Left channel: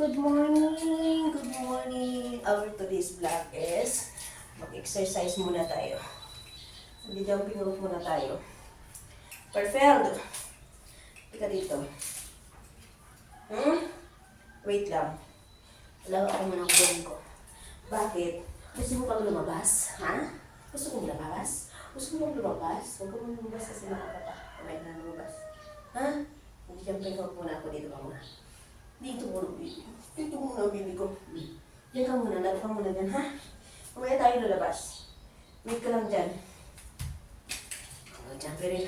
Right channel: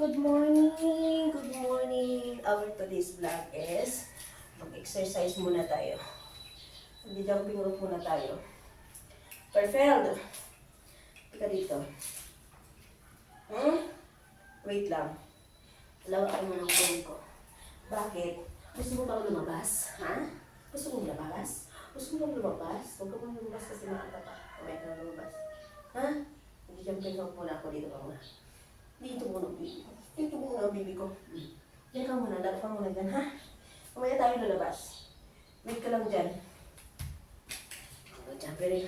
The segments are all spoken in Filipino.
Good morning! Good morning! Our today's vlog is mag-exercise muna tayo. Mag-jumping rope muna tayo. Perfect! Ika dito. Wait lang. Alaga ko muna ang buwan ko. Bakit? Gusto mo bang lumabas? Ha? Gusto mo lumabas? Gusto mo lumabas? Huwag ka mong lumabas kasi makakapa. Kamaya na lumabas. Ha? Mag-jumping rope muna ako dito pa muna. Dito muna, baby. Dito muna, baby ko. Diyan ka muna, laro ka muna dyan, ha? Kumaya tayo lalabas. Wait ka lang dyan. Diyan pa rin.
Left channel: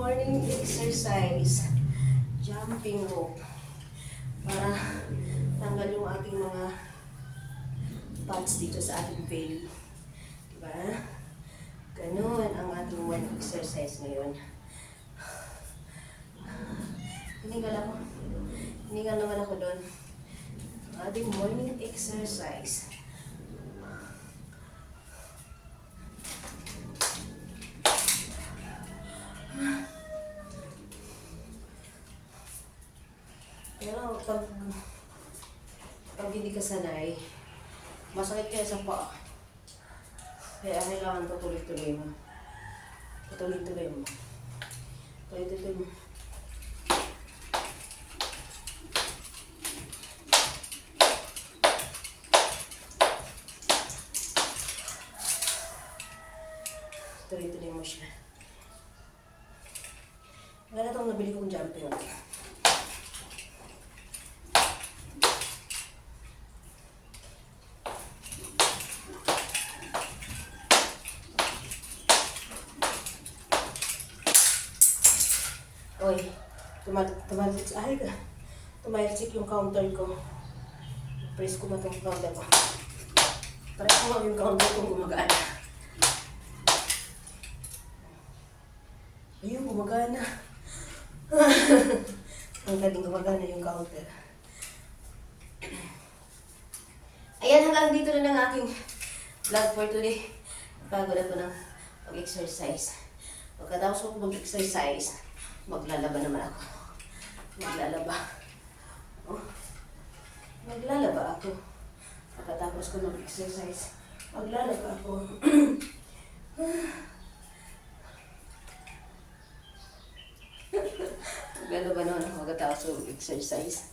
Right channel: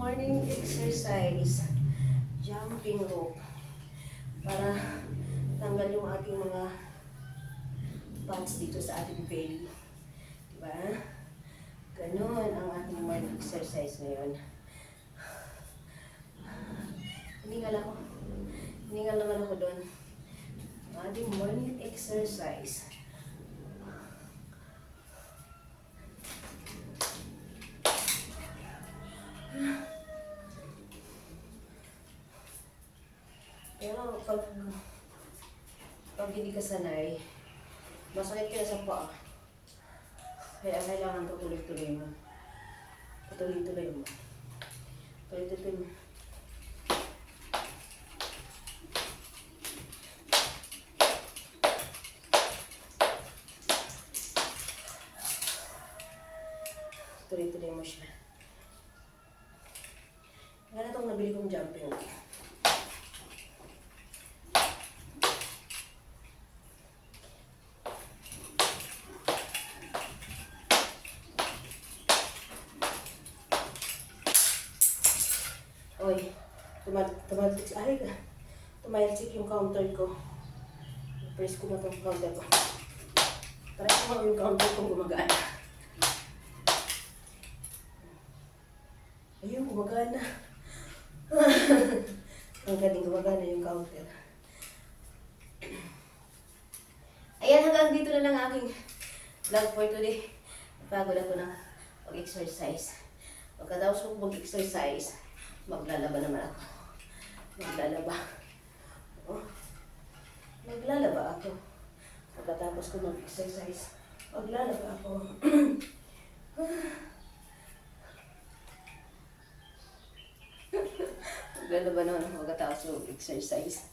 Morning exercise, jumping rope, para tanggal yung ating mga fats dito sa ating belly. Diba? Ganun ang ating morning exercise ngayon. Hiningal naman ako doon. Ang ating morning exercise. Pero pag hindi ka sanay, masakit ka sa paa. Kaya kailangan tuloy-tuloy mo. Tuloy-tuloy mo. Tuloy-tuloy mo. Tuloy-tuloy mo siya. Wala na itong nabili kong jumping. Oy, tumalsik yung counter ko. Press ko na itong counter ko. Para ko yung counter ko gumagana. Ayun, gumagana. Ang galing gumagana yung counter. Ayan, hanggang dito na lang aking vlog for today. Pagod ako ng mag-exercise. Pagkatapos ko mag-exercise, maglalaba naman ako. Maglalaba. Oh. Maglalaba ako. Pagkatapos ko mag-exercise, maglalaba ako. Maglalaba naman ako pagkatapos ko mag-exercise.